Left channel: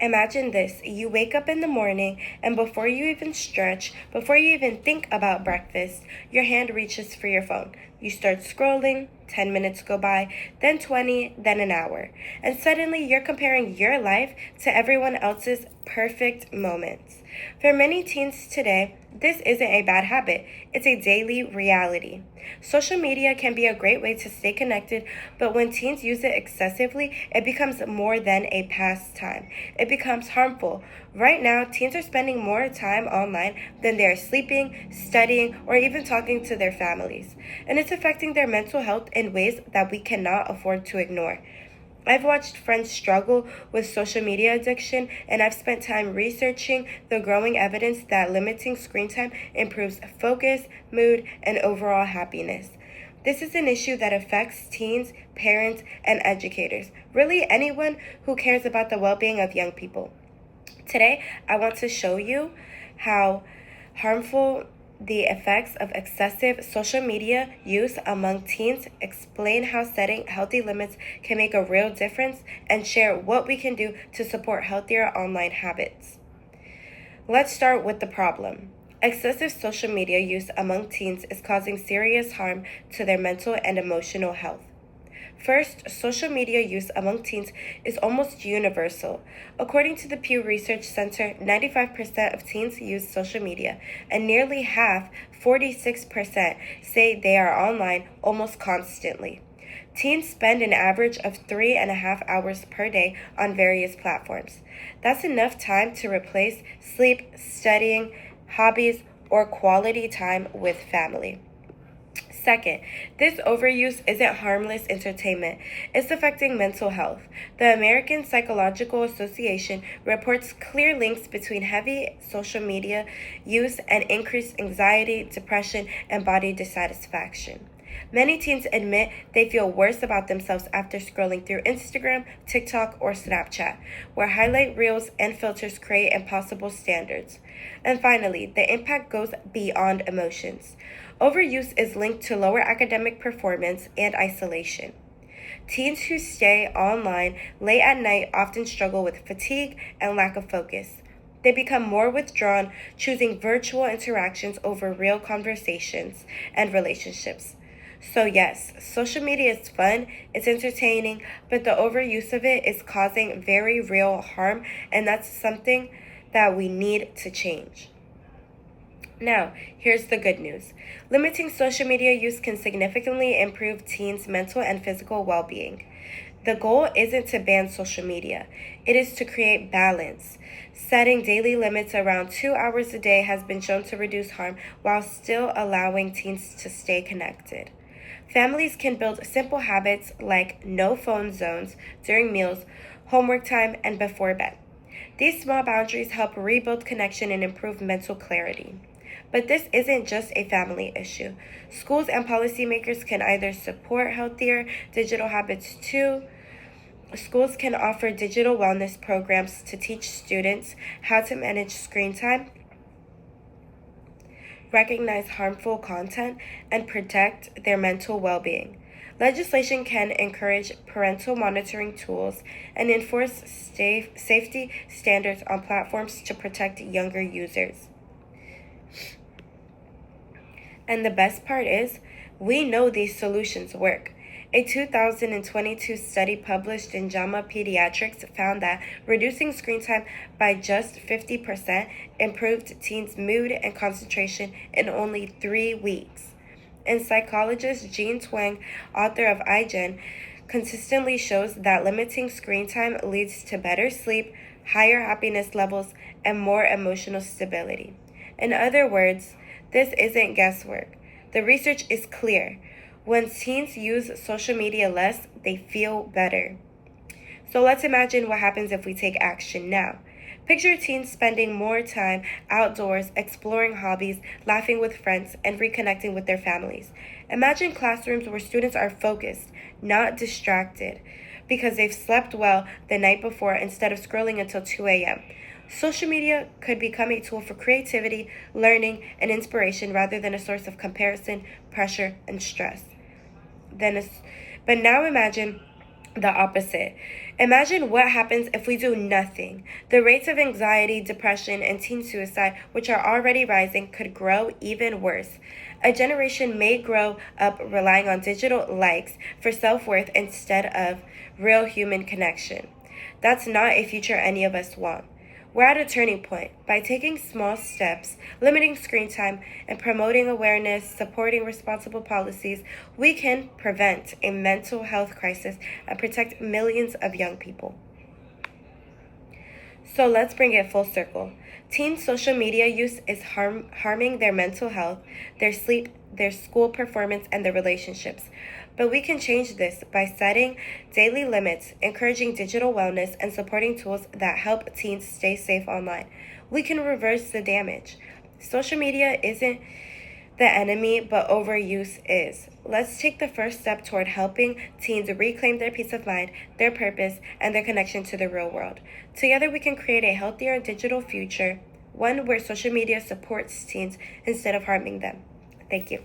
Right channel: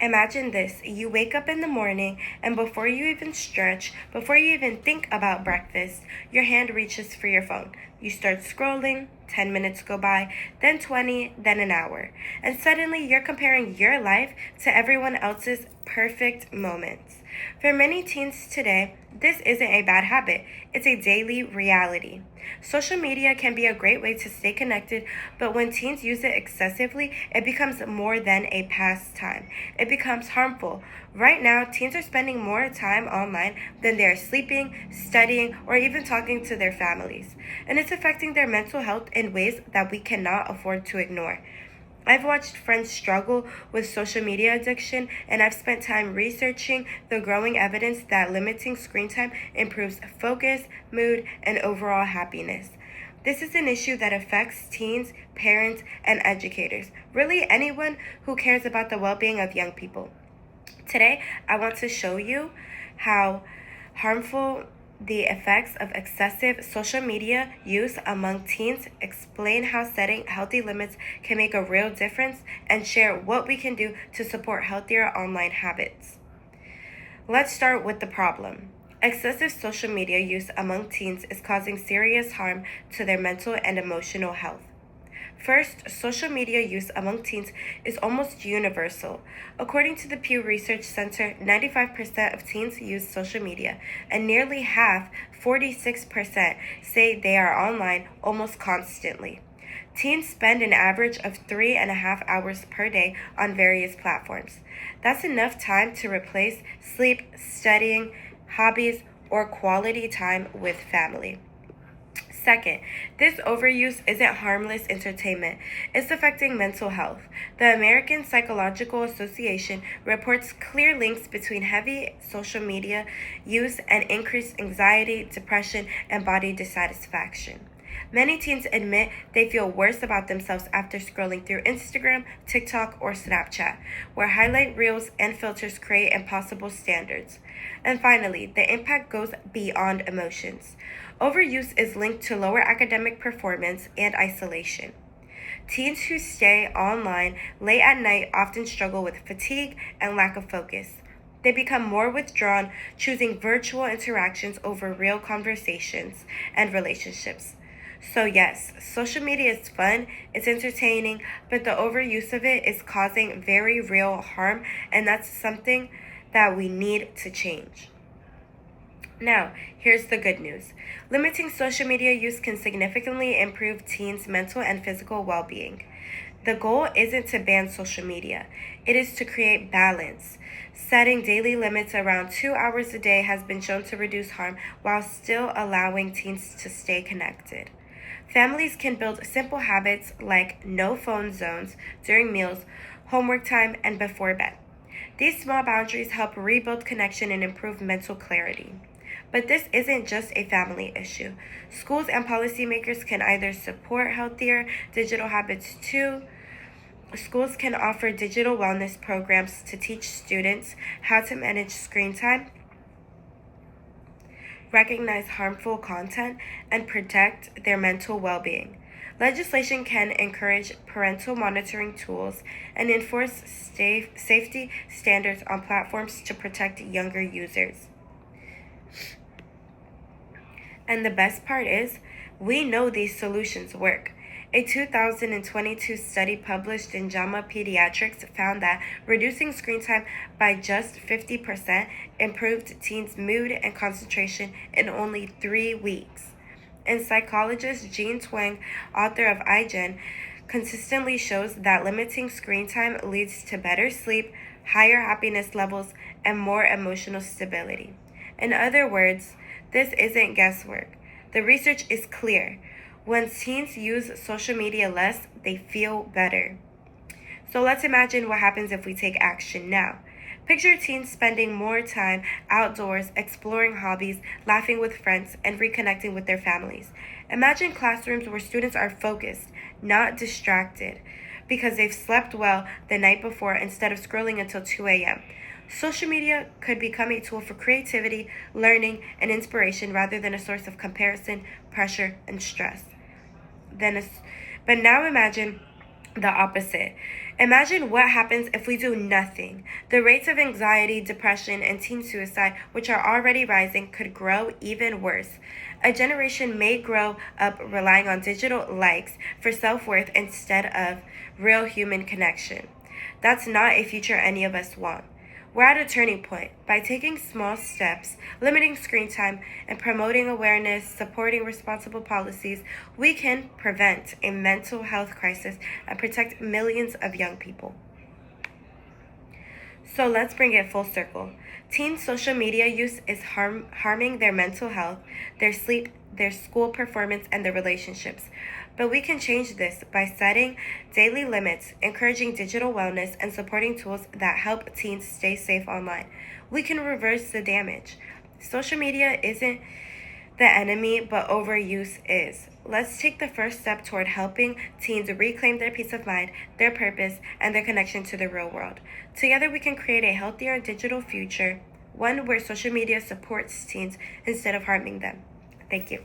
Imagine this. You wake up in the morning, and before you even stretch, before you even think about breakfast, your hand reaches for your phone. You start scrolling, 10 minutes go by, then 20, then an hour. And suddenly you're comparing your life to everyone else's perfect moments. For many teens today, this isn't a bad habit, it's a daily reality. Social media can be a great way to stay connected, but when teens use it excessively, it becomes more than a pastime. It becomes harmful. Right now, teens are spending more time online than they are sleeping, studying, or even talking to their families. And it's affecting their mental health in ways that we cannot afford to ignore. I've watched friends struggle with social media addiction, and I've spent time researching the growing evidence that limiting screen time improves focus, mood, and overall happiness. This is an issue that affects teens, parents, and educators, really anyone who cares about the well being of young people. Today, I want to show you how harmful the effects of excessive social media use among teens, explain how setting healthy limits can make a real difference, and share what we can do to support healthier online habits. Let's start with the problem. Excessive social media use among teens is causing serious harm to their mental and emotional health. First, social media use among teens is almost universal. According to the Pew Research Center, 95% of teens use social media, and nearly half, 46%, say they are online almost constantly. Teens spend an average of 3.5 hours per day on various platforms. That's enough time to replace sleep, studying, hobbies, or quality time with family. Second, this overuse isn't harmless entertainment. It's affecting mental health. The American Psychological Association reports clear links between heavy social media use and increased anxiety, depression, and body dissatisfaction. Many teens admit they feel worse about themselves after scrolling through Instagram, TikTok, or Snapchat, where highlight reels and filters create impossible standards. And finally, the impact goes beyond emotions. Overuse is linked to lower academic performance and isolation. Teens who stay online late at night often struggle with fatigue and lack of focus. They become more withdrawn, choosing virtual interactions over real conversations and relationships. So yes, social media is fun, it's entertaining, but the overuse of it is causing very real harm, and that's something that we need to change. Now, here's the good news. Limiting social media use can significantly improve teens' mental and physical well-being. The goal isn't to ban social media, it is to create balance. Setting daily limits around 2 hours a day has been shown to reduce harm while still allowing teens to stay connected. Families can build simple habits like no phone zones during meals, homework time, and before bed. These small boundaries help rebuild connection and improve mental clarity. But this isn't just a family issue. Schools and policymakers can either support healthier digital habits too. Schools can offer digital wellness programs to teach students how to manage screen time, recognize harmful content, and protect their mental well-being. Legislation can encourage parental monitoring tools and enforce safety standards on platforms to protect younger users. And the best part is, we know these solutions work. A 2022 study published in JAMA Pediatrics found that reducing screen time by just 50% improved teens' mood and concentration in only 3 weeks. And psychologist Jean Twenge, author of iGen, consistently shows that limiting screen time leads to better sleep, higher happiness levels, and more emotional stability. In other words, this isn't guesswork. The research is clear. When teens use social media less, they feel better. So let's imagine what happens if we take action now. Picture teens spending more time outdoors, exploring hobbies, laughing with friends, and reconnecting with their families. Imagine classrooms where students are focused, not distracted, because they've slept well the night before instead of scrolling until 2 a.m. Social media could become a tool for creativity, learning, and inspiration rather than a source of comparison, pressure, and stress. But now imagine the opposite. Imagine what happens if we do nothing. The rates of anxiety, depression, and teen suicide, which are already rising, could grow even worse. A generation may grow up relying on digital likes for self-worth instead of real human connection. That's not a future any of us want. We're at a turning point. By taking small steps, limiting screen time, and promoting awareness, supporting responsible policies, we can prevent a mental health crisis and protect millions of young people. So let's bring it full circle. Teen social media use is harming their mental health, their sleep, their school performance, and their relationships. But we can change this by setting daily limits, encouraging digital wellness, and supporting tools that help teens stay safe online. We can reverse the damage. Social media isn't the enemy, but overuse is. Let's take the first step toward helping teens reclaim their peace of mind, their purpose, and their connection to the real world. Together, we can create a healthier digital future, one where social media supports teens instead of harming them. Thank you.